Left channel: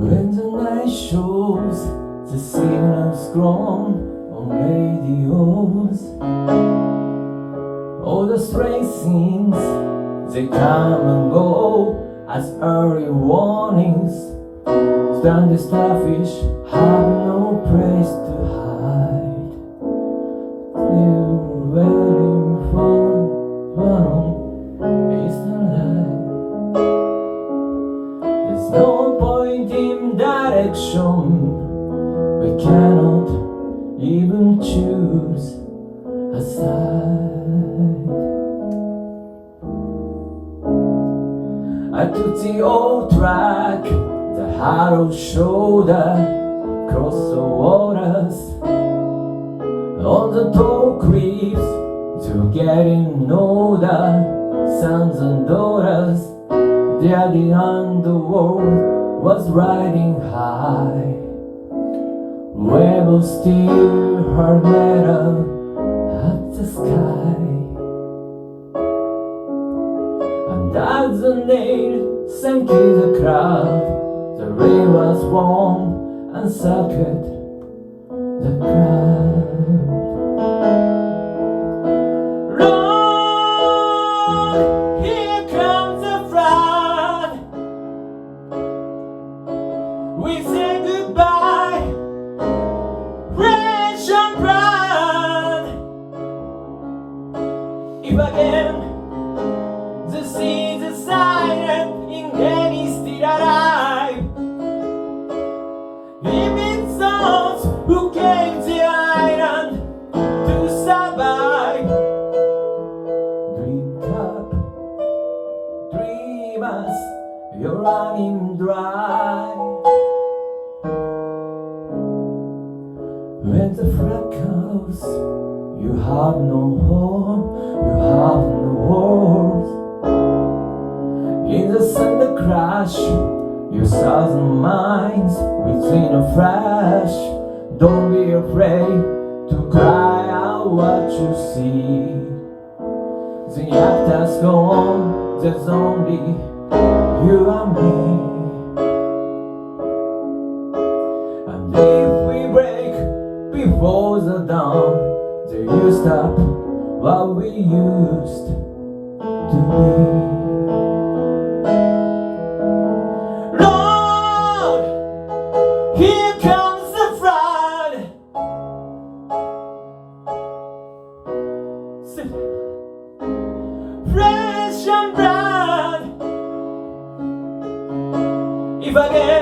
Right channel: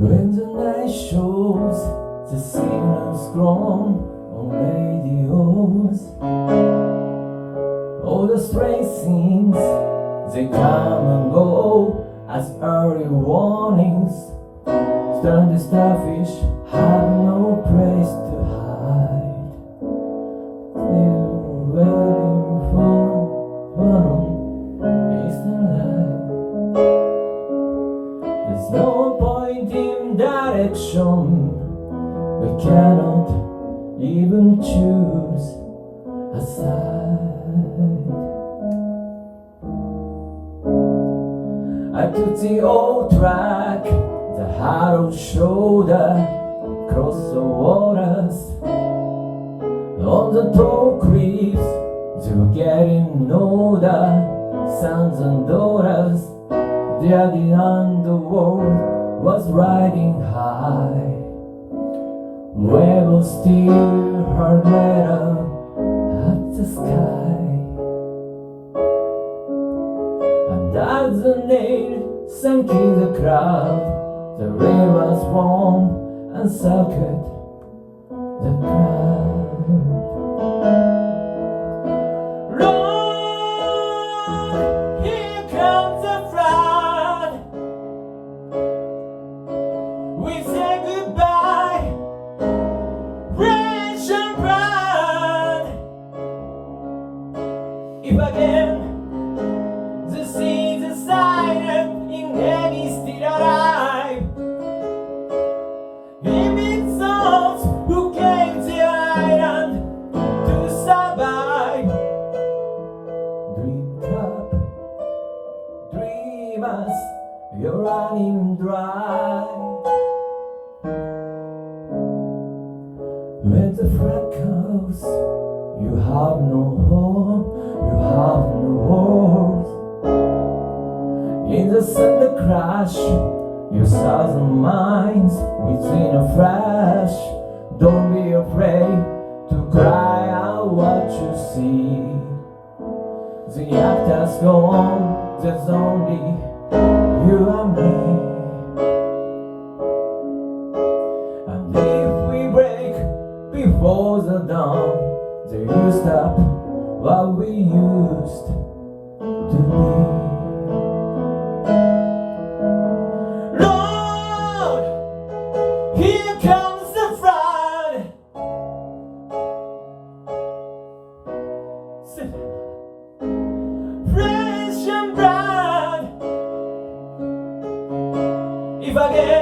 When the night shows, the signals grown on radios. All the strange scenes, they come and go as early warnings. Stranded starfish have no place to hide. They're waiting for one is the light. There's no point in direction. We cannot even choose a side. I took the old track, the harrowed shoulder, cross the waters. On the tall cliffs, they're getting older, sons and daughters. There the underworld was riding high. Rebels still hurled metal at the sky. And as the nail sank in the crowd, the rain was warm and soaked the crowd. Lord, here comes the flood. We say goodbye, fresh and proud. If again the seas are silent, in any still alive. If it's those who came to the island to survive. Drink up, dreamers, you're running dry. When the flag comes, you have no home, you have no world. In the thunder crash, your thousand minds within a flash. Don't be afraid to cry out what you see. The actors go on, there's only you and me. And if we break before the dawn, then you stop what we used to be. Lord, here comes the flood. Fresh and bright. If again